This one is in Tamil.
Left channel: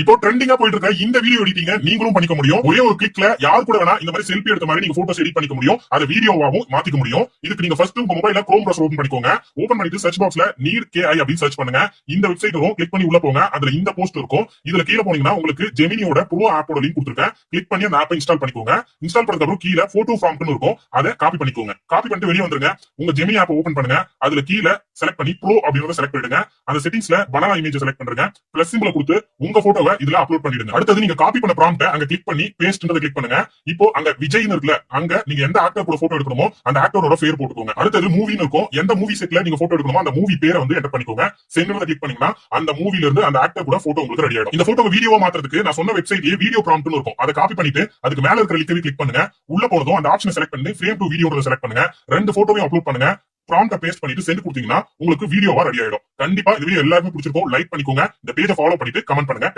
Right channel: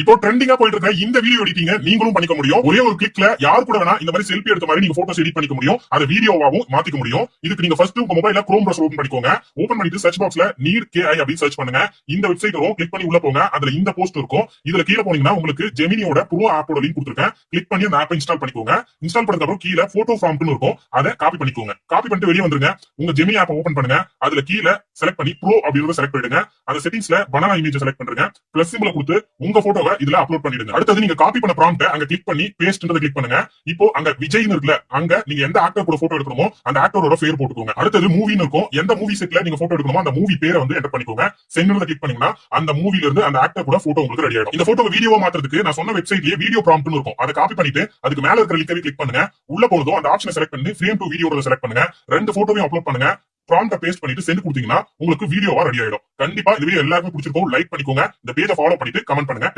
இப்போ ட்ரெண்டிங்கா போயிட்டு இருக்க இந்த வீடியோ எடிட்டிங்க நீங்களும் பண்ணிக்க முடியும். ஒரே ஒரு கிளிக்ல யார் கூட வேணா இந்த மாதிரி செல்ஃபி எடுத்த மாதிரி நீங்க போட்டோஸ் எடிட் பண்ணிக்க முடியும். அதை வீடியோவாவும் மாத்திக்க முடியும். இதுக்கு நீங்க ஃபர்ஸ்ட் உங்க மொபைல்ல குரோம் பிரவுசர் ஓபன் பண்ணிக்கோங்க. ஓபன் பண்ணிட்டு சர்ச் பாக்ஸ்ல நீட் KI அப்படின்னு சர்ச் பண்ணுங்க. இந்த வெப்சைட் வரும். கிளிக் பண்ணி உள்ள போங்க. அதுல இந்த போஸ்ட் இருக்கும். இதுல கீழ போனீங்கன்னா உங்களுக்கு ஜெமினியோட ப்ரோ ஆப்போட லிங்க் கொடுத்திருக்கேன். கிளிக் பண்ணி அந்த ஆப்பை இன்ஸ்டால் பண்ணிக்கோங்க. இன்ஸ்டால் பண்ணதுக்கு அப்புறம் கீழ போட்டோ ஃபார்ம்ட்னு இருக்கும். அதை காப்பி பண்ணிக்கோங்க. காப்பி பண்ணிட்டு வெளியே வந்துருங்க. உங்க ஜெமினி ஆப்பை ஓபன் பண்ணுங்க. அதுல கீழ செலக்ட் பண்ணி ப்ரோ அப்படிங்கறத செலக்ட் பண்ணிடுங்க. அந்த செட்டிங்ஸ்ல பனானா இமேஜ் செலக்ட் பண்ணுங்க. பிளஸ் சிம்பிள் கொடுத்து உங்க போட்டோவை இதுல அப்லோட் பண்ணிடுங்க. அடுத்தது நீங்க காப்பி பண்ண ப்ராம்ப்ட் அங்க கிளிக் பண்ணி பேஸ்ட்ன்றத கிளிக் பண்ணுங்க. இப்போ அங்க விஜய்னு இருக்குல, அங்க நீங்க எந்த ஆக்டர் கூட போட்டோ எடுக்கணுமோ அந்த ஆக்டரோட பேர் போட்டுக்கோங்க. அடுத்தது மூவின்னு இருக்கும். எந்த மூவி செட்ல நீங்க போட்டோ எடுக்கணுமோ அந்த மூவி பேரை வந்து என்டர் பண்ணிக்கோங்க. சென்டர்ல கிளிக் பண்ணீங்கன்னா அந்த மூவில இருந்து அந்த ஆக்டர் கூட போட்டோ உங்களுக்கு ரெடி ஆயிடும். இந்த போட்டோவை வீடியோவா மாத்துறதுக்கு நான் சொன்ன வெப்சைட்லயே வீடியோ ப்ராம்ப்ட்னு இருக்கும். அதை காப்பி பண்ணிட்டு அதுக்கு மேல இருக்கிற லிங்கை கிளிக் பண்ணுங்க. உள்ள போறதும் அந்த ஆப்ஷனை செலக்ட் பண்ணி ஃப்ரேம் டு வீடியோன்றத செலக்ட் பண்ணுங்க. ரெண்டு போட்டோவையும் அப்லோட் பண்ணுங்க. ப்ராம்ப்ட பேஸ்ட் பண்ணிட்டு சென்ட் கொடுத்தீங்கன்னா உங்களுக்கு வீடியோவா ரெடி ஆயிடும். கண்டிப்பா இந்த வீடியோ எல்லாருக்கும் பிடிச்சிருக்கும். லைக் பண்ணிக்கோங்க. இந்த பேஜை ஃபாலோ பண்ணிட்டு கமெண்ட் பண்ணுங்க.